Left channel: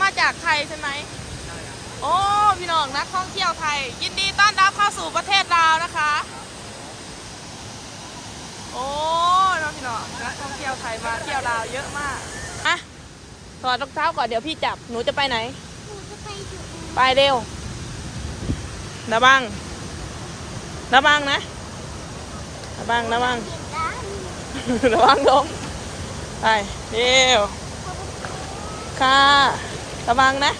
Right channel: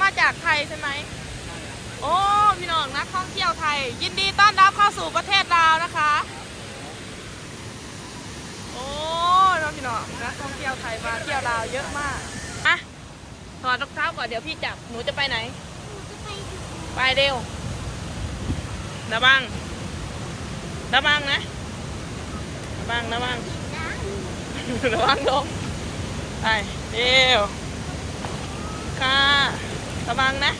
มาจากไทยใช่ไหมใช่ครับโอ้พี่น้องนักท่องเที่ยวไทยยินดีต้อนรับเข้าสู่ประเทศลาวนะคะโอ้พี่น้องนักท่องเที่ยวไทยมาเที่ยวลาวเยอะมากอ่ะถอดรองเท้าก่อนเดี๋ยวพี่จับหนูจะไปไหนไปเร็วระวังนะระวังระวังล้มไปเร็วค่ะระวังนะ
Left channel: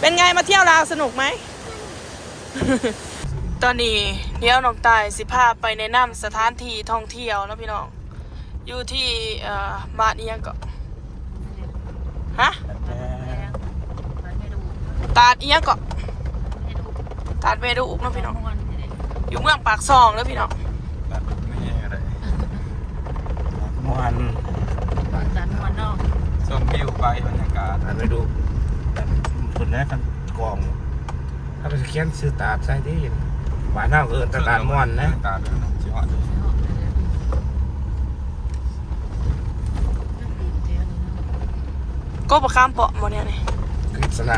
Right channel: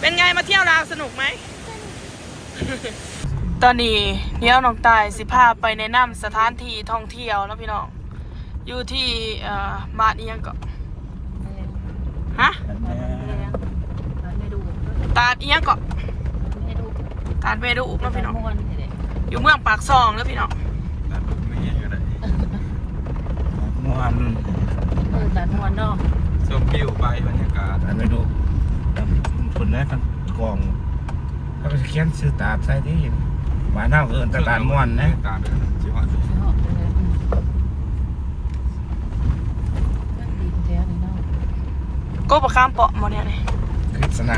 เป็นไงมาเที่ยวลาวสนุกไหม ตอนนี้เดี๋ยวน้องตายสิพาไปแนะนำสถานที่ท่องเที่ยวนะพี่น้องอยู่ที่บ้านเอียงก็ฮะตาดเอียงก็ตาดเมดูนะพี่น้องอยู่เมืองปากซองนะพี่น้องมวนตัดมวนเนาะชมวิวไปบรรยากาศไปดูคนนั้นทั้งกองถ้าไปเขียนซื้อตาใส่ที่หวานเน่าเอิญตะการม่วนนะการชิวะก็ประคามเปาะหมดเนี่ยเลยกฤษณ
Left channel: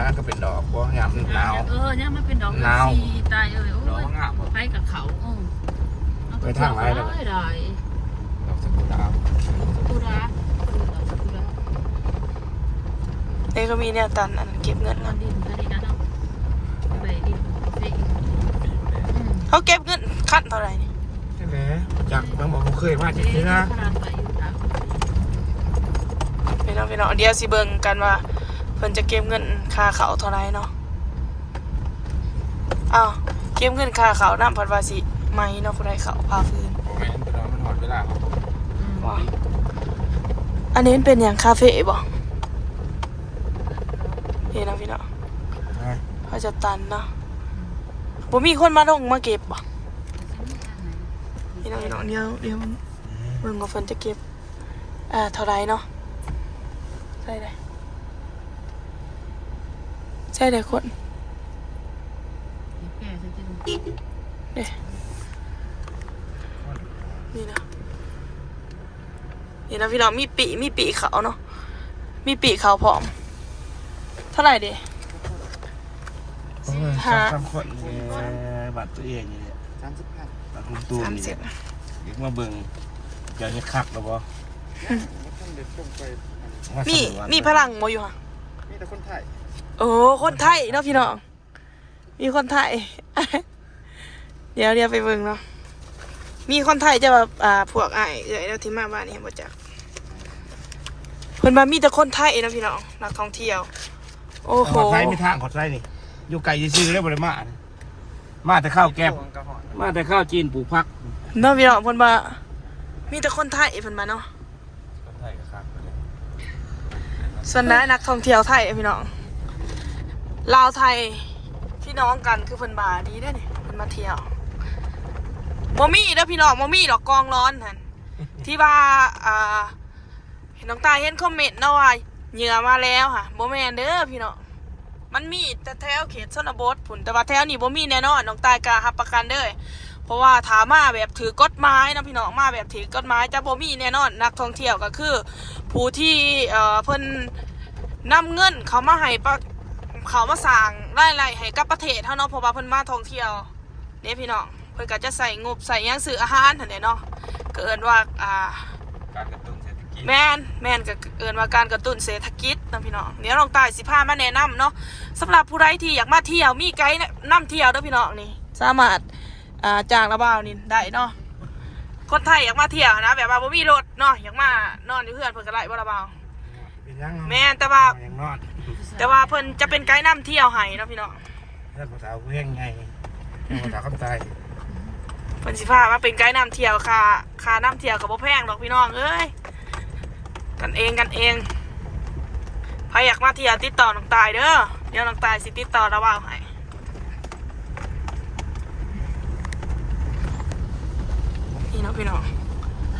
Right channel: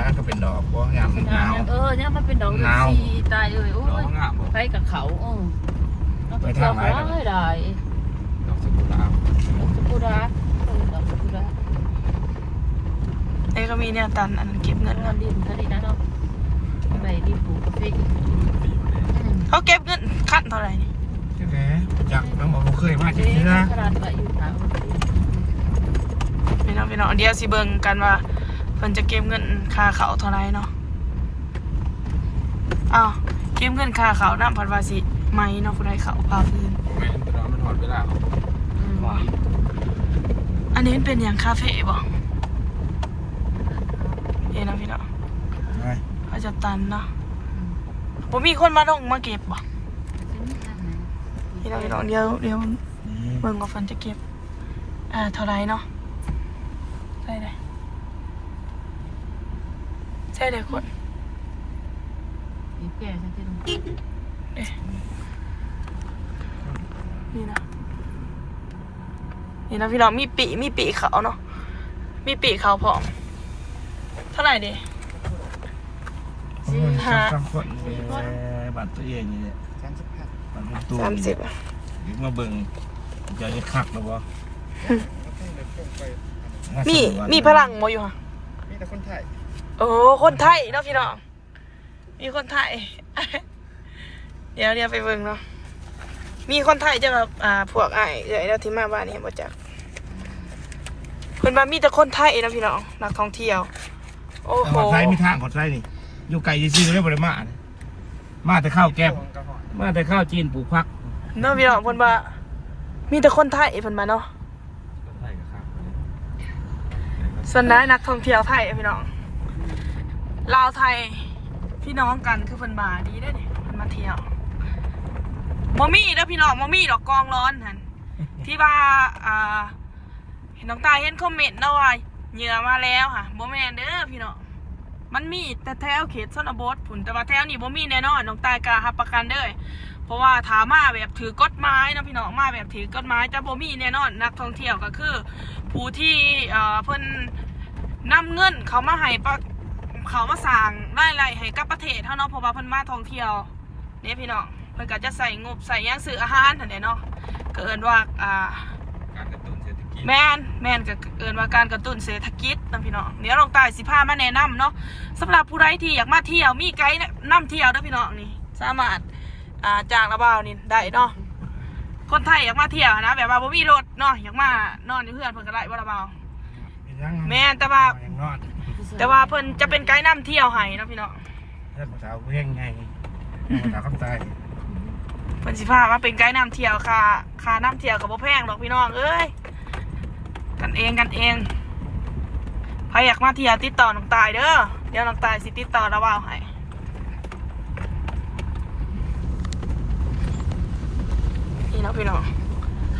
าก็เป็นดอกเพราะงามหนาวเนี่ยมันเป็นดอกสีตายเลยโอ้ยไปกับเขาไปทางไหนเลยได้ดอกสกุลาเอ้ก็มีเนี่ยตันอันเก็บเงินกันดินนะเนาะไปดินปลูกสิเขาเก็บเงินขั้นเท่าไหร่นี่ใช่ไหมจากแม่บอกเขาเคยมาจริงๆนะพี่น้องเดี๋ยวสิเบิ่งกันว่าเพิ่นจะเก็บเงินค่าเขาเท่าไหร่เนาะอ้าวเก็บเงินค่าเขาน้ำพันวาสิไหมเนาะผู้ใดเขาพาพื้นมันหมดเวลาว้าอันนี้เป็นอย่างคาเฟ่บ่พี่น้องเขาจะตันเนาะผมมีคนมาลงมาเก็บบ่พี่น้องเดี๋ยวเบิ่งว่าเพิ่นจะเก็บเท่าไหร่เนาะใช่เลยคนนี่นะพี่น้องมีปีเขาเนาะมีปีเขาพร้อมเท่าไหร่ดิบัตรตัวเองเนี่ย30มาเบิ่งจะได้คักหรือเปล่ามีพลังบ่อยู่ค่ะมีแต่คนไทยคนไทยเนาะพี่น้องมีคนไทย เดี๋ยวไปเบิ่งเนาะมีคนไทยจะแบบพวกไอ้ใหญ่แล้วที่มาบ้านนี้บ่จักเพิ่นว่ามีแต่คนไทยนะพี่น้องนักท่องเที่ยวโอ้โหไทยมีทางของไทยนี่อยู่ไกลซื่อๆเนี่ยบ่ได้มาแต่ข้าวแกบมาแต่ข้าวจีนปลูกผักเนาะพี่น้องเพิ่นว่ามีแต่คนไทยเพิ่นมาเนาะส่วนนั้นนักท่องเที่ยวไทยพี่น้องลาวไทยพี่น้องกันคือเพิ่นมาดีได้เนี่ยเพิ่นมาเที่ยวบ่มีเด้อพี่น้องบ่มีดอกกองร้อนหั่นที่ว่าเห็นน้องตาเห็นคอมเมนต์เนาะว่าเหยื่อมาแล้วค่ะบ่แม่นเด้อพี่น้องมันมีแต่แถวเขตชนบทพุ่นแต่ว่าแถวนี้บ่มีแน่นอนน้องตายกล้ารับประกันเด้อเพราะว่าถามมาแบบถือกฎหมายนะพี่น้องมาแบบถือกฎหมายจะบ่มีแน่นอนนักท่องเที่ยวก็คือผู้ที่เพิ่นนำเงินเขามาให้เขามาสร้างรายได้ให้กับประเทศเฮาเนาะเพราะว่าเพิ่นมาท่องเที่ยวเนี่ยพี่น้องเพิ่นก็จะใส่งบใส่หยังซื้ออาหารหั่นแหละเนาะก็เอิ้นว่าการกระตุ้นเศรษฐกิจแม่นก็เอิ้นว่าการกระตุ้นเศรษฐกิจนะพี่น้องเดี๋ยวลองตายสิพามาแนะนำเนาะสำหรับผู้ใดที่อยากมาเที่ยวมีไกด์นำเที่ยวเด้อพี่น้องนี่สามารถจ้างระบ่าวนี่ได้เนาะคนไทยอยากมาเที่ยวนะแบบว่าบ่มีรถเนาะอยากมานอนอยู่เพื่อนเพิ่นก็ได้บ่ระบ่าวแม่นแต่ว่าเพิ่นจะเป็นไกด์นำเที่ยวให้เนาะพี่น้องแล้วภาษาเวียงไงภาษาคำไทยเพิ่นสิพามาเป็นไกด์นำเที่ยวค่านำเที่ยวก็บ่แพงดอกพี่น้องเอ้ยกันเองใครอยากมาเที่ยวติดต่อน้องตายเด้อเดี๋ยวน้องตายสิติดต่อระบ่าวให้นี่เนาะพี่น้อง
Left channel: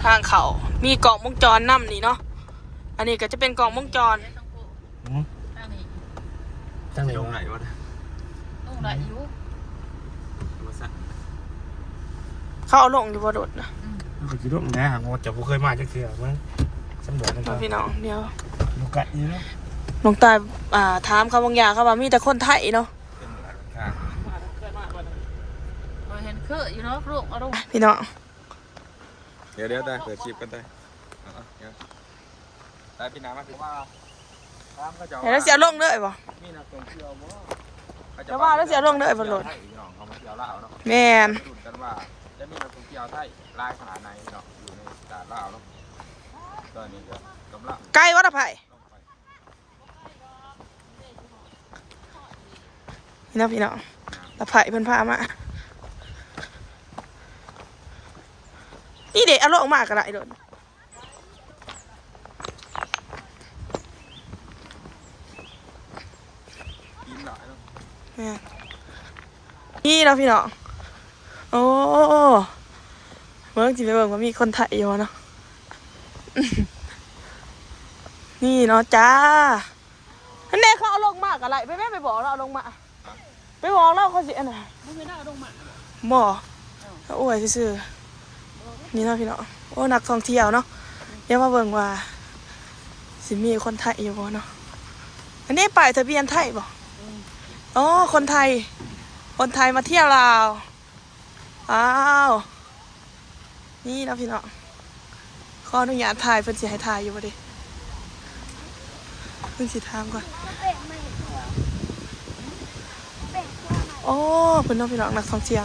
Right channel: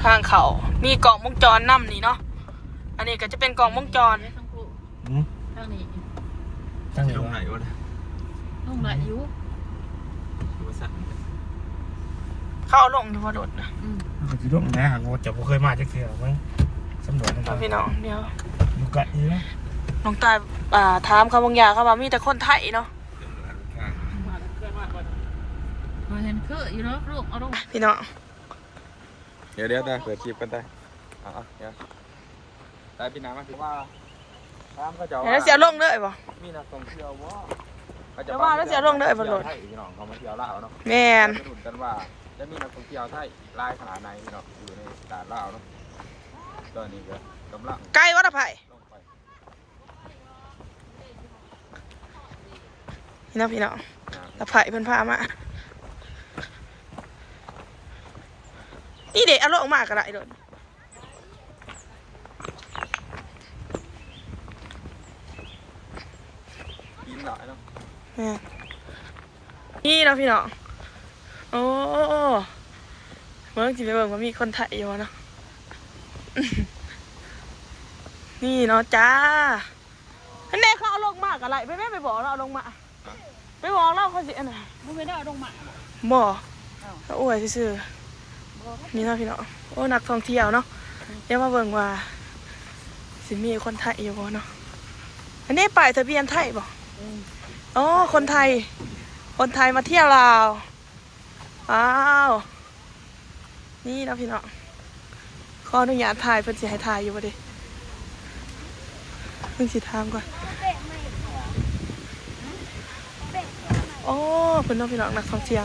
ทางเขามีกล่องวงจรนำนี่เนาะอันนี้ก็จะเป็นกล่องวงจรตั้งอยู่ตรงไหนวะต้องไหลอยู่เขาเอาลงอยู่บ่โดดนะจะร่วมนะผมจะเคยมาจากเที่ยวมั้งสำรวจพี่น้องเดี๋ยวดูกะอีแล้ว น้องตายถามเขาบางอย่างเขาว่ามีแต่คนไทยเนาะ เห็นเคยอยู่เนาะลูกเอาลูก พี่น้อง เดี๋ยวได้เกิดคลิปกันได้เดี๋ยวได้พี่น้ำมาถือว่าตามก็จะ เดี๋ยวเสียลงเลยป่ะ มีนักท่องเที่ยวว่า แต่ว่าแล้วเสียลงเลยบนรถ ไทยพี่น้องเขามาเที่ยวลาวเนาะ แม่น มาดูกันว่าจะมีนักท่องเที่ยวไทยลายขนาดไหนเนาะอยู่ในตลาดลาวเนาะตอนนี้ก็กำลัง ไกลวัดอภัย ลงไป นี่นะพี่น้องอภัยเพิ่นพามานี่เด็กเอาลงมากกันละไอ้โดน กินหลายเนาะ นี่เนาะพี่น้องโอ้เมื่อกี้ไปเบิ่งว่ามีคนไทยอยู่เนาะ นี่เนาะจ้าอันนี้เขาเอาลงมากอะไรไปแม่ไปบอกเราเอาลงมาไปบอกเราเขาสิอันไหน ไม่ได้ลงมา บ่เขาอวยซื่อๆนี่เนาะพี่น้องโอ้นักท่องเที่ยวเนาะเดี๋ยวมาเบิ่งว่าสิมีคนไทยอยู่บ่เนาะอันนี้ป้ายทะเบียนไทยบ่อ๋อคนไทยมาเที่ยวลาวอ้าวนี่เนาะพี่น้องขออนุญาตถ่ายเพิ่นสิให้ถ่ายอยู่บ่เด้เพิ่นสิถามก่อนโอ้เพิ่นเนาะพี่น้องนักท่องเที่ยว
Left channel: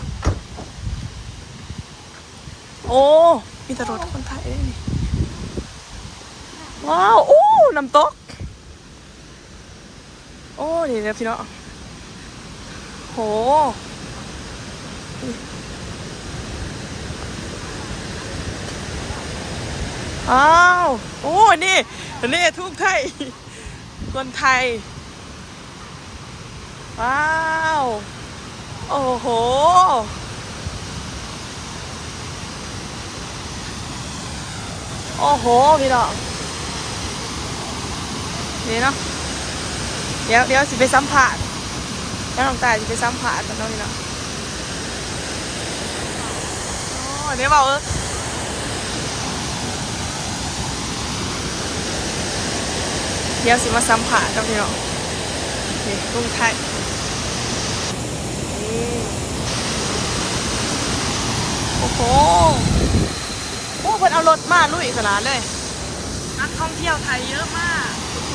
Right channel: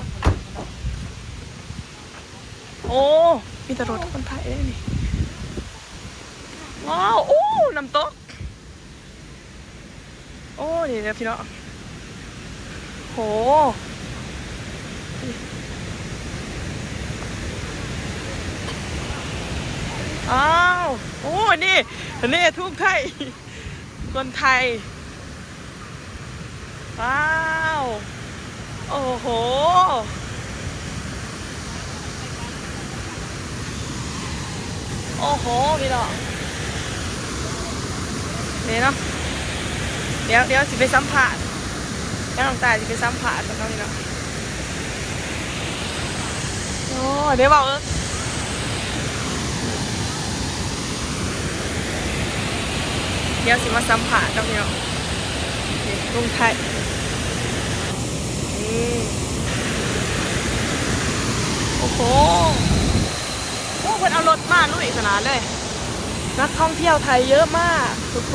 โอ้มีแต่รถคนไทยเลยนี่ว้าวโอ้น้ำตกโอ้นี่นะพี่น้องโหอ้าวโอ้นี่ทุ่งไทยคนไทยว้าวโอ้โหโอ้โหพี่น้องนี่เนาะเดี๋ยวสิไปสัมผัสแล้วน้องตายสิไปสัมผัสกันเนาะพี่น้องโอ้เดี๋ยวบอกเดี๋ยวสิมาสัมผัสกันพี่น้องนี่ลุงไทยนี่โอ้โหโอ้คนเอารถมาลุยขนาดเลยนักท่องเที่ยวไทยเยอะมากทุกค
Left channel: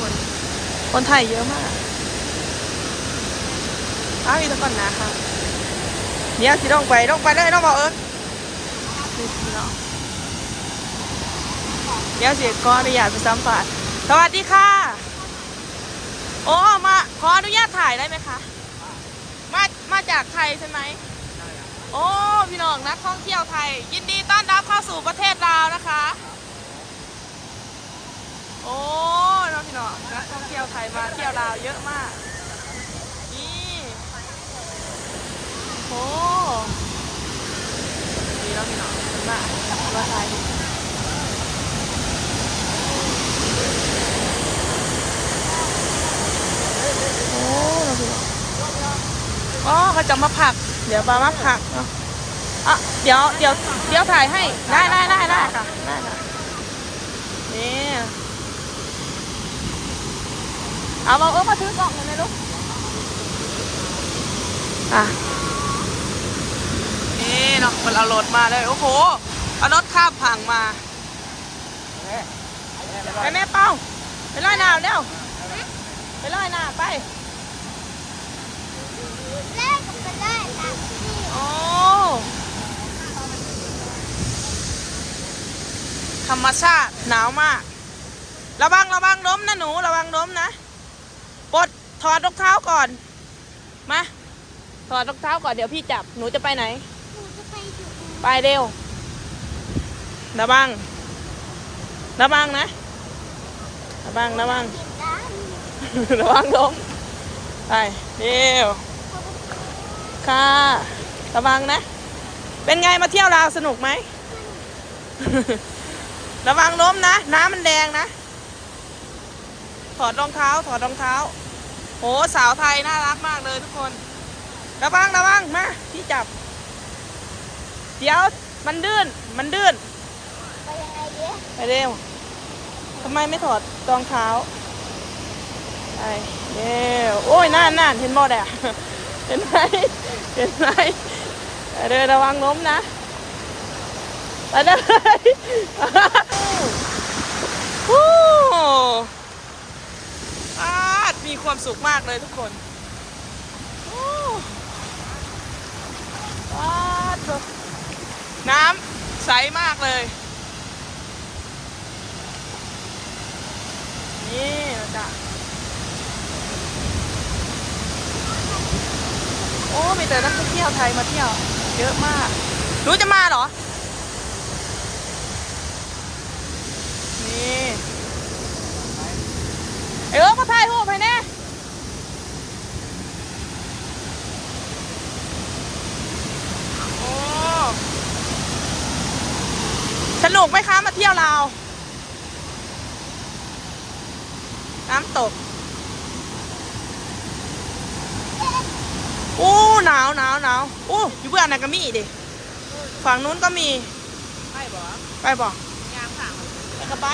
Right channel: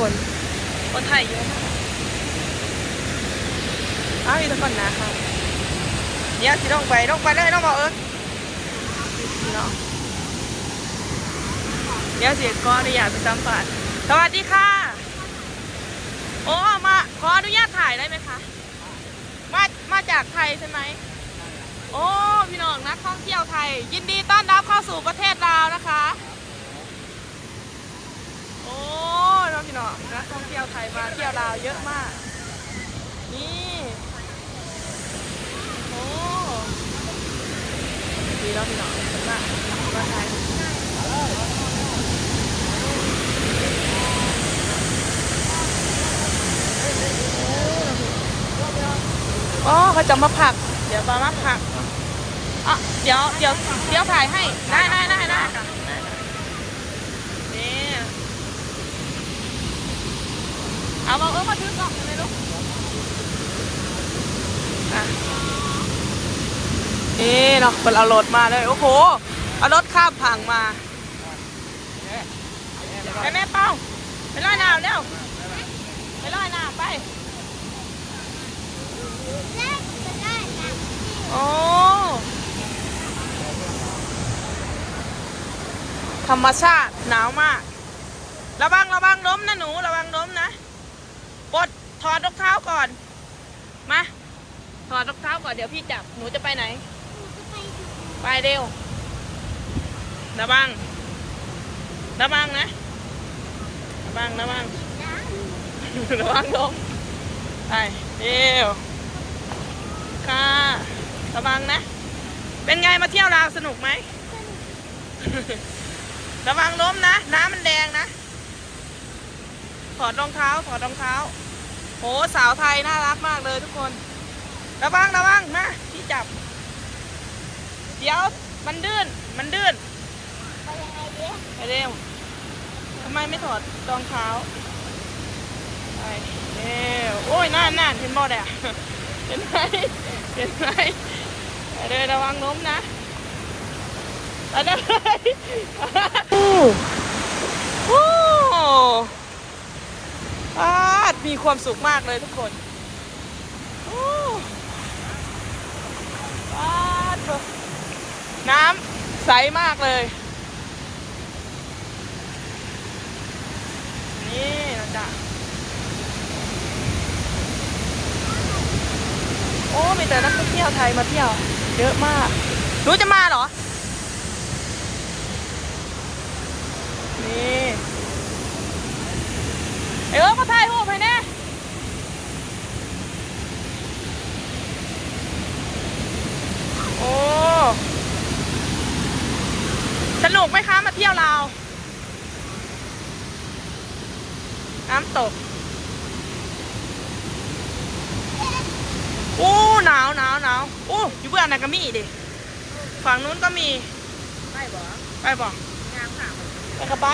นไทยเยอะมากอ้าวอีกแล้วก่อนนะคะเดี๋ยวสิลงไปเลยน้องบอกนี่เนาะเดี๋ยวสิขออนุญาตไปสัมผัสสวัสดีค่ะโอ้มาขออนุญาตถ่ายได้ไหมคะมาจากไทยใช่ไหมใช่ครับโอ้พี่น้องนักท่องเที่ยวไทยยินดีต้อนรับเข้าสู่ประเทศลาวนะคะโอ้น้องพี่น้องนักท่องเที่ยวไทยมาเที่ยวลาวเยอะมากนี่โอ้ดีแล้วพี่น้องเป็นมากว่าไทยโอ้น้องพี่น้องอ๋อเขาจะมาผักเดี๋ยวมาผักอ่ะเดี๋ยวถ่ายให้ได้ค่ะได้ค่ะนี่เอามามาทิ้งกล่องเลยนะอ่ะเนาะมันเอารถมาเลยโอ้โหเอารถข้ามผังมาไปแม่เป้าไปล่าหนาวเร็วไปล่าหนาวไปโอ้ธรรมชาติหนาวมากระวังล้มนะหนูระวังล้มนะปลดถอดรองเท้าก่อนมาถอดรองเท้าก่อนเดี๋ยวพี่จับหนูจะไปไหนไปเร็วระวังนะระวังล้มไปเร็วค่ะระวังนะเป็นไงมาเที่ยวลาวสนุกไหม ระวังล้มนะน้ำมันแดงนะถอดรองเท้าโหสาวไทยน่ารักมากเลยทุกคนระวังนะพี่จับเดี๋ยวมันดื้นไปเร็วทำไมไม่ถอดรองเท้า เอ้โอ้ยน่านเห็นบ่แดะเห็นไหมเดินระวังล้มนะไปเลยมีความสุขมากเลยทุกคนน้ำใสมากเลยนี่จ้ะโอ้มีแต่นักท่องเที่ยวไทยมาเที่ยวเยอะมากรู้จะมาเหรอนี่ก็ถ่ายรูปให้แน่โอ้สนุกไหมคะมาเที่ยวลาวน้ำตกโอ้หนาวโอ้อยู่เบื้องไหนก็มีดิฝั่งนู้นก็มีไปบ่ไปเข้าไป